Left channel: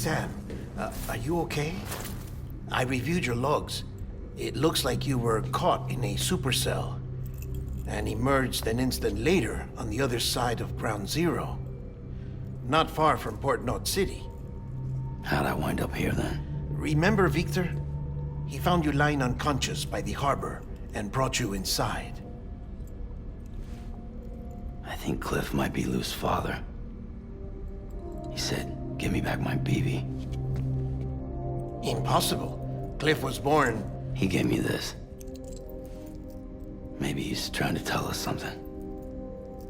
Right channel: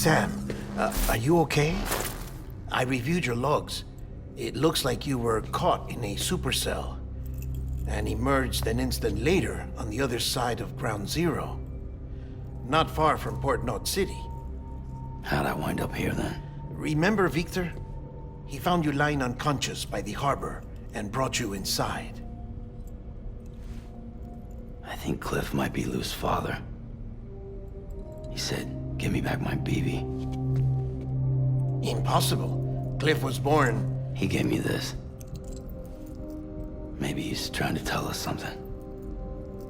Sam, are you okay? I reviewed your logs. It looks like you were caught in a supercell and emerged an instant later on the other side of Ground Zero. Not far from Port Knot City. How'd I wind up here then? Remember Victor? He found you lying unconscious by the harbor and brought you inside. I think Cliff might be Lou's father. He said, give me back my BB. Impossible. Cliff was born... He gave me this. Maybe he's trying to tell us something.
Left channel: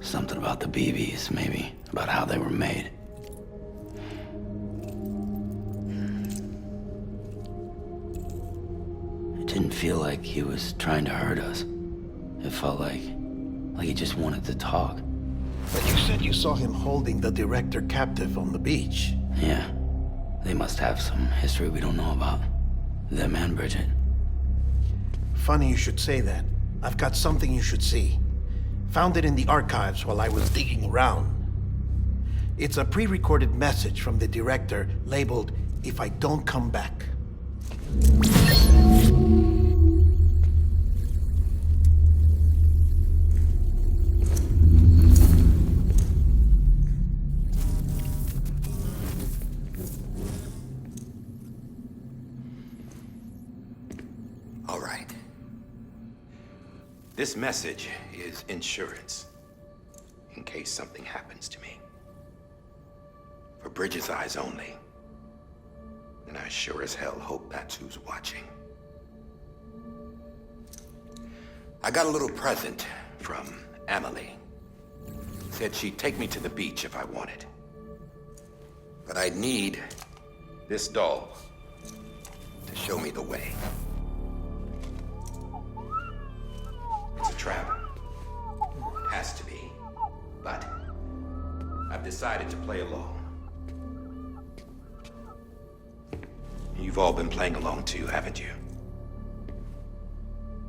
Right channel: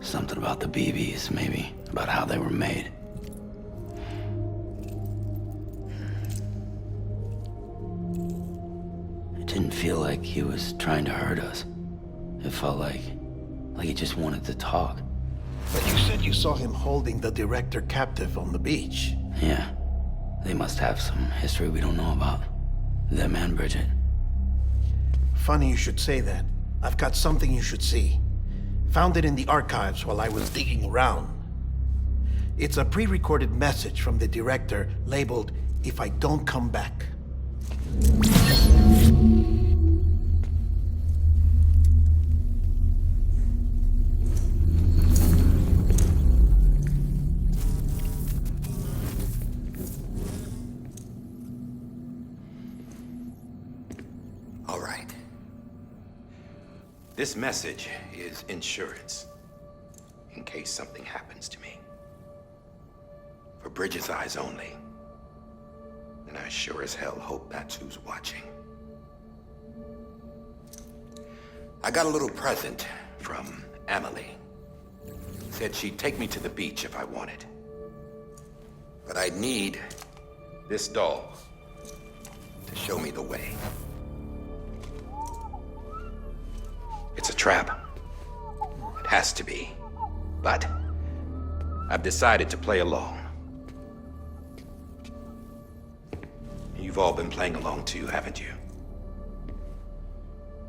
Something about the BBs, maybe. About how they were made. It didn't feel like he was trying to hurt us. It felt like he just wanted to talk. But you said you saw him holding the director captive on the beach. Yeah. They must have some history we don't know about. Them and Bridget. Funny you should say that. I've got something you should see. Found it in the archives while I was digging around. It's a pre-recorded message from the director labeled, "If I don't come back." All right. This message is insurance, in case something happens to me. For Bridget's eyes only. And I sure as hell hope that's who's watching. I got a little present from Amelie. Said she'd take me to the beach if I wanted. But I'd need this doll to show me the way. It's a trap. It has to be. But I've decided to play along. You've all been playing along too, haven't you?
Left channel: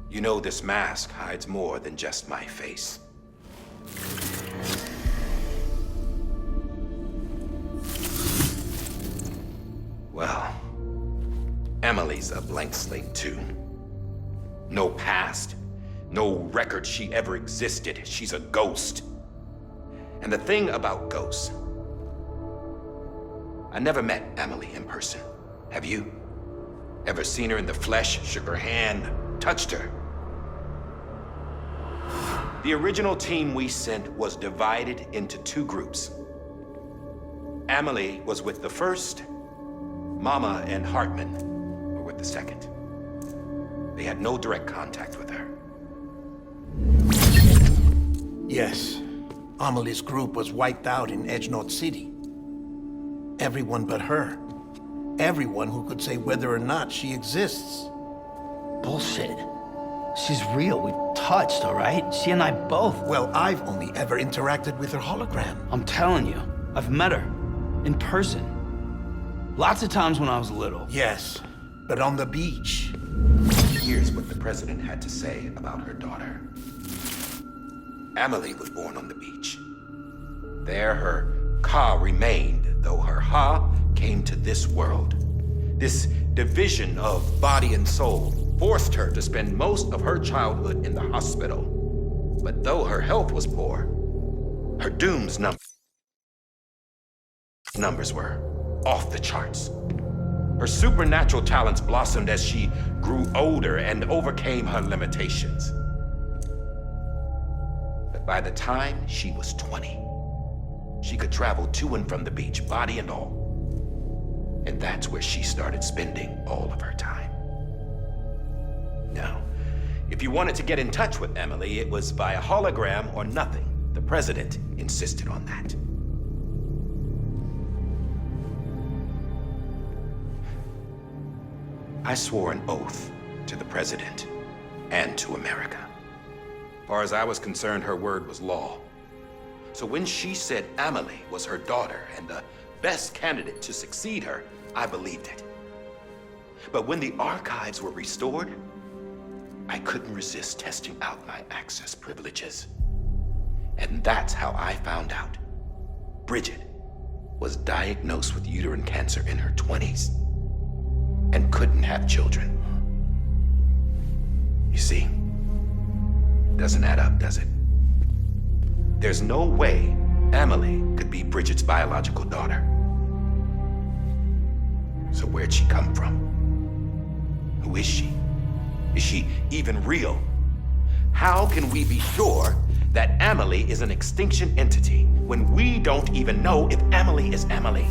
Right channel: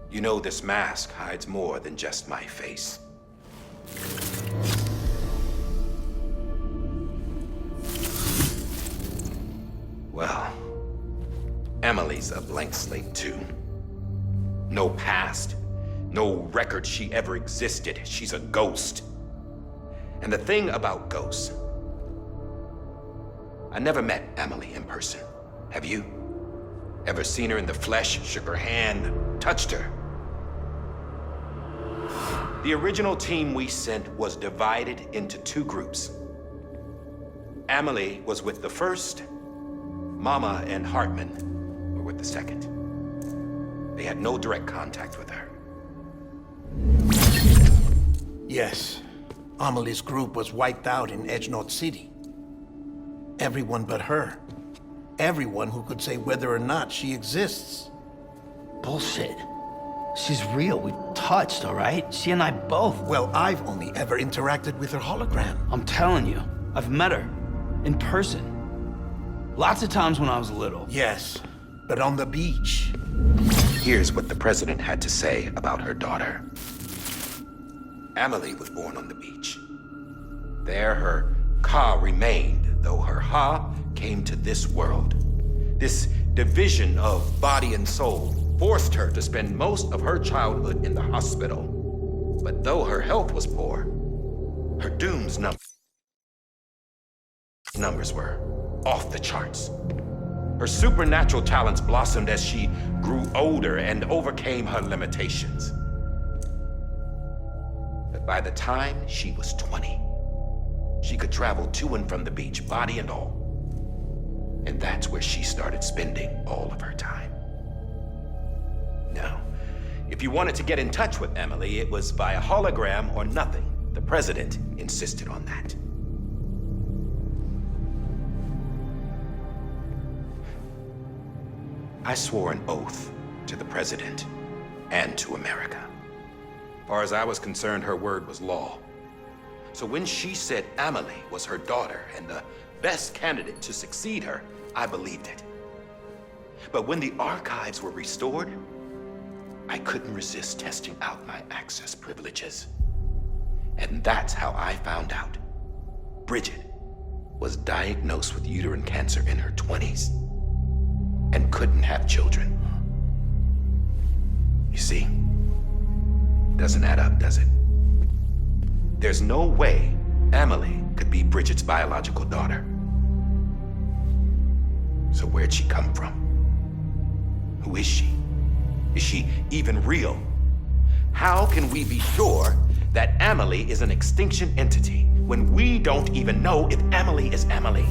You know this mask hides more than just my face. Well, Amelie's a blank slate too. No past. No record she ever existed. She's a ghost. And the thing about ghosts, I never met Amelie in person. Have you? Ever seen her in the flesh, shook her hand, touched her? The original team we sent was divided into two groups. Amelie was with the first. Mama and Hartman were with the second. They had no direct contact with her. Yes. Amelie's group was wiped out in Edge Knot City. Everyone but her. Everyone who could say whether or not she exists. Bullshit. She's real. We touched, all right? She and I both. Well, I've only ever interacted with her hologram. I'm telling you, I've met her. In person. Lots of times when I was little. Yes, but on the beach. Here's what the president had to say about her daughter. Amelie was born on the beach. There her Ka remained, though her Ha came to this world. This division of body and soul forced her to spend most of her childhood in the hospital. But though her health was poor, her doom's numbers were off the charts. Her supernatural talents blossomed as she grew older and overcame her limitations. But by the time she was 20, she could travel to and from the beach, body and all. And that's where she started spending all of her time. Now, if you wanted to get in touch with Amelie, it was via hologram or nothing. The president insisted on that. I swore an oath to the president and to America. As far as I was concerned, her word was law. So when she said Amelie was her daughter and the best candidate to succeed her, I believed it. But when the archives were restored, I couldn't resist testing out my access privileges. And that's how I found out Bridget was diagnosed with uterine cancer in her 20s and couldn't have children. You see, doesn't add up, does it? There's no way Amelie could be Bridget's biological daughter. So where'd she come from? Who is she? Is she even real? How can we be sure that Amelie is an extinction entity when we don't even know if Amelie is Amelie?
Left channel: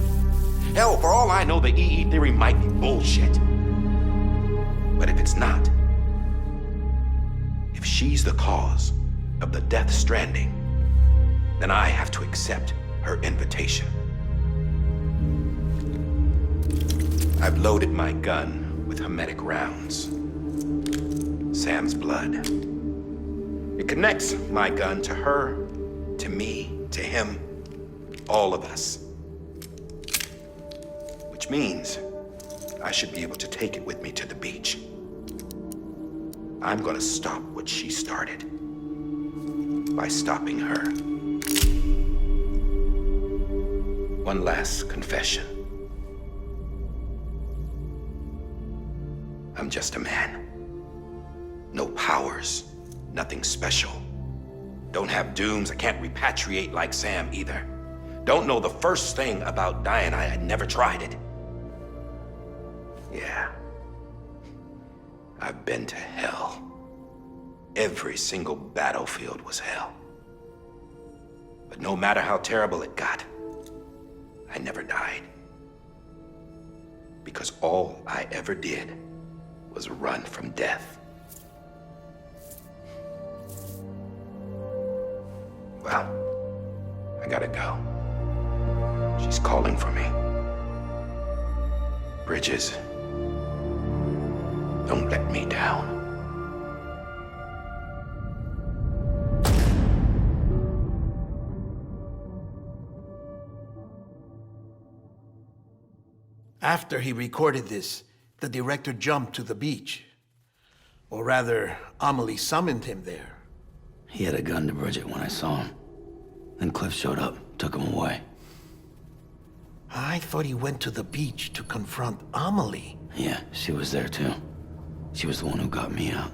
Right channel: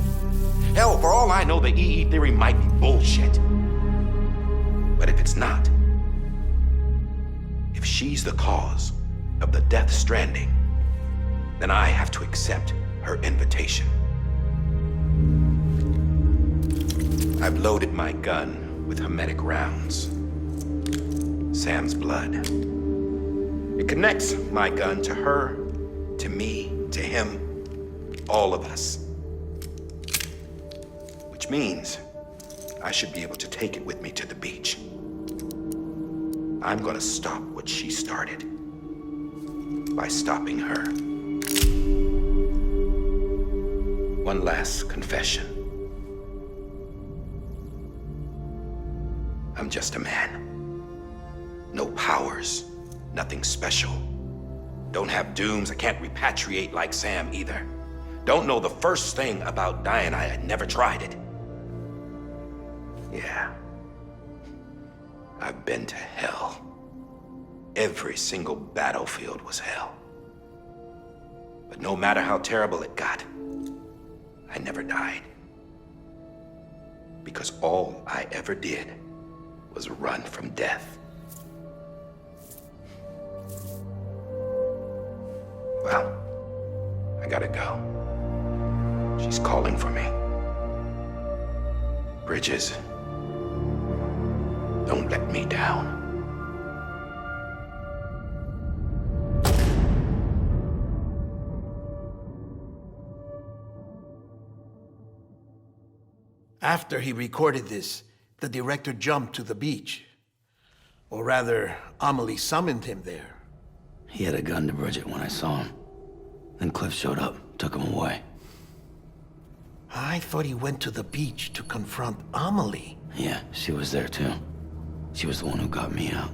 Hell, for all I know, the EE theory might be bullshit. But if it's not, if she's the cause of the Death Stranding, then I have to accept her invitation. I've loaded my gun with hermetic rounds. Sam's blood. It connects my gun to her, to me, to him, all of us. Which means I should be able to take it with me to the beach. I'm gonna stop what she started by stopping her. One last confession. I'm just a man. No powers, nothing special. Don't have dooms, I can't repatriate like Sam either. Don't know the first thing about dying, I had never tried it. Yeah. I've been to hell. Every single battlefield was hell. But no matter how terrible it got, I never died. Because all I ever did was run from death. Well, I gotta go. She's calling for me. Bridges, don't let me down. After he recorded this, the director jumped to the beach. Or rather, Amelie summoned him there. He had a gun to Bridget when I saw him. Then Cliff showed up, took him away. I thought he went to the beach to confront Amelie. Yeah, she was there too. She was the one who got me out.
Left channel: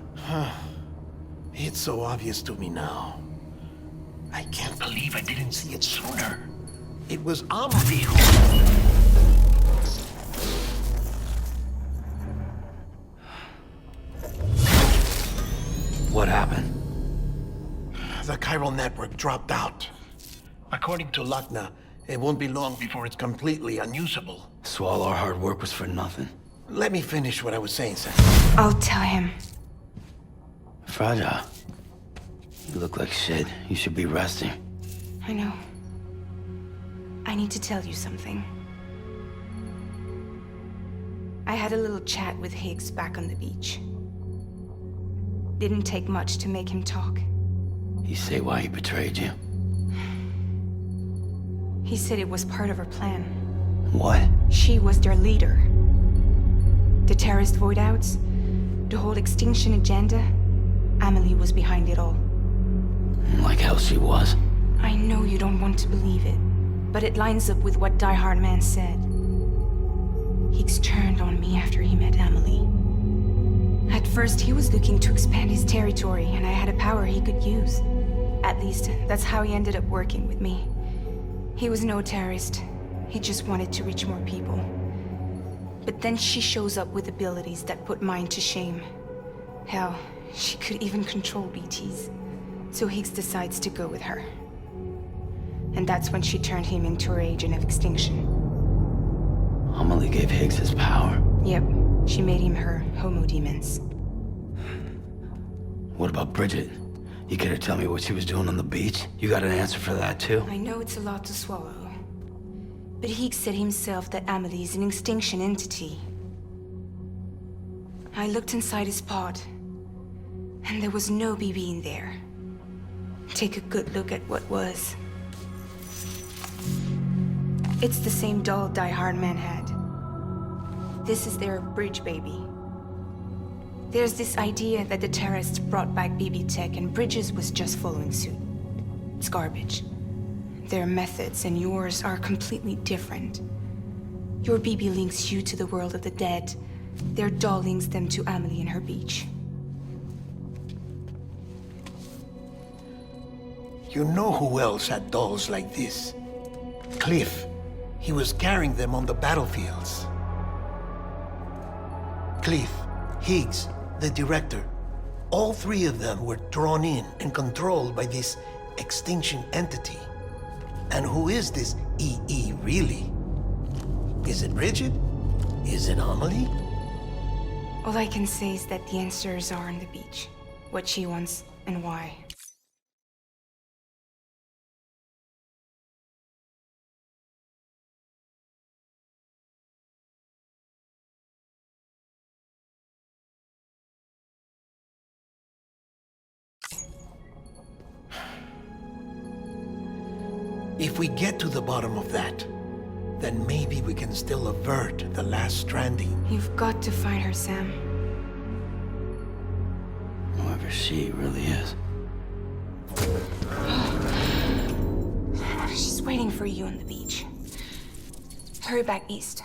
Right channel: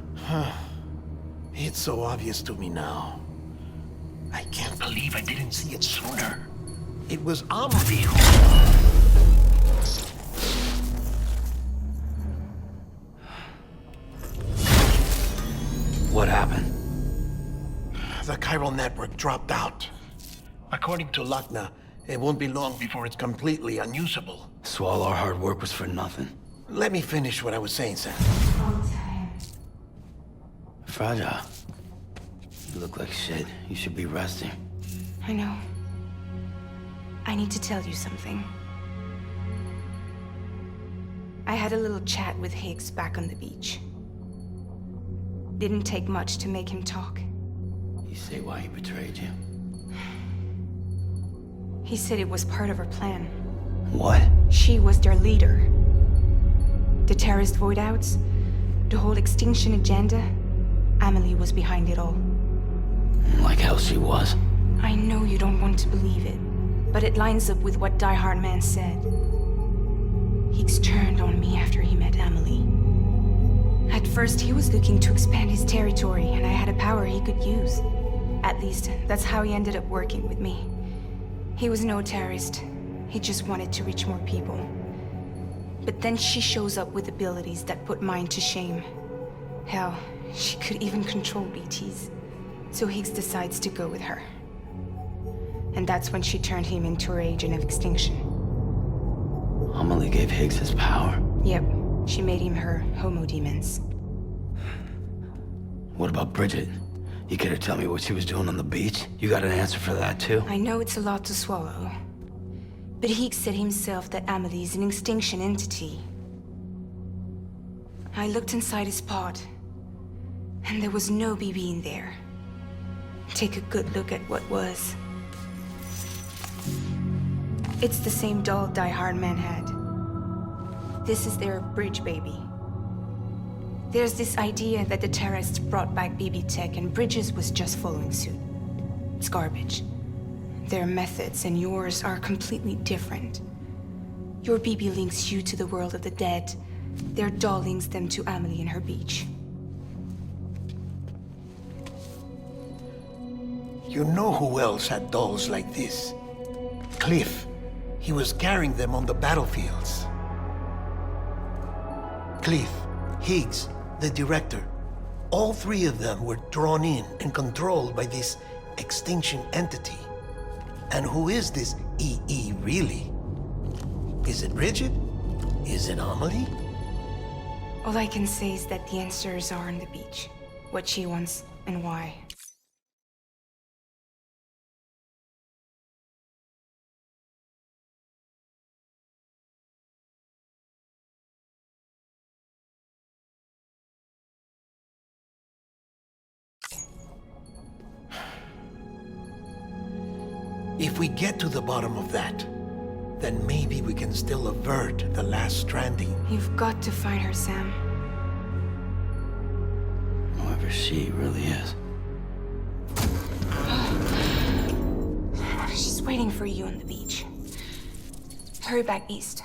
It's so obvious to me now. I can't believe I didn't see it sooner. It was Amelie who... What happened? The chiral network dropped out. According to Luckna, it won't be long before it's completely unusable. So all our hard work was for nothing. Let me finish what I was saying, Sam. I'll tell him. Fragile. You look like shit. You should be resting. I know. I need to tell you something. I had a little chat with Higgs back on the beach. Didn't take much to make him talk. You say why he betrayed you? He said it was part of her plan. What? She was their leader. The terrorist void-outs, the whole extinction agenda, Amelie was behind it all. Like hell she was. I know you don't want to believe it, but it lines up with what Die Hard Man said. Higgs turned on me after he met Amelie. At first, he was looking to expand his territory, and I had a power he could use. At least, that's how he ended up working with me. He was no terrorist. He just wanted to reach more people. But then she shows up with abilities that put mine to shame. Hell, she could even control BTs. So Higgs decides to go with her. And that's when she turned him into her agent of extinction. Amelie gave Higgs his power? Yep. She made him her homo demons. What about Bridget? You care to tell me what she was doing on the beach? You got an answer for that too? I know it's a lot to swallow. But Higgs said himself that Amelie is an extinction entity. I looked inside his pod, and there was no BB in there. Take a good look at what was. It's the same doll Die Hard Man had. This is their bridge baby. There's this idea that the terrorists brought back BB tech and Bridges was just following suit. It's garbage. Their methods and yours are completely different. Your BB links you to the world of the dead. Their doll links them to Amelie and her beach. You know who else had dolls like this? Cliff. He was carrying them on the battlefields. Cliff, Higgs, the director. All three of them were drawn in and controlled by this extinction entity. And who is this EE really? Is it Bridget? Is it Amelie? All I can say is that the answers are on the beach. What she wants and why. If we get to the bottom of that, then maybe we can still avert the last stranding. You've got to find her, Sam. Whoever she really is. She's waiting for you on the beach. Hurry back east.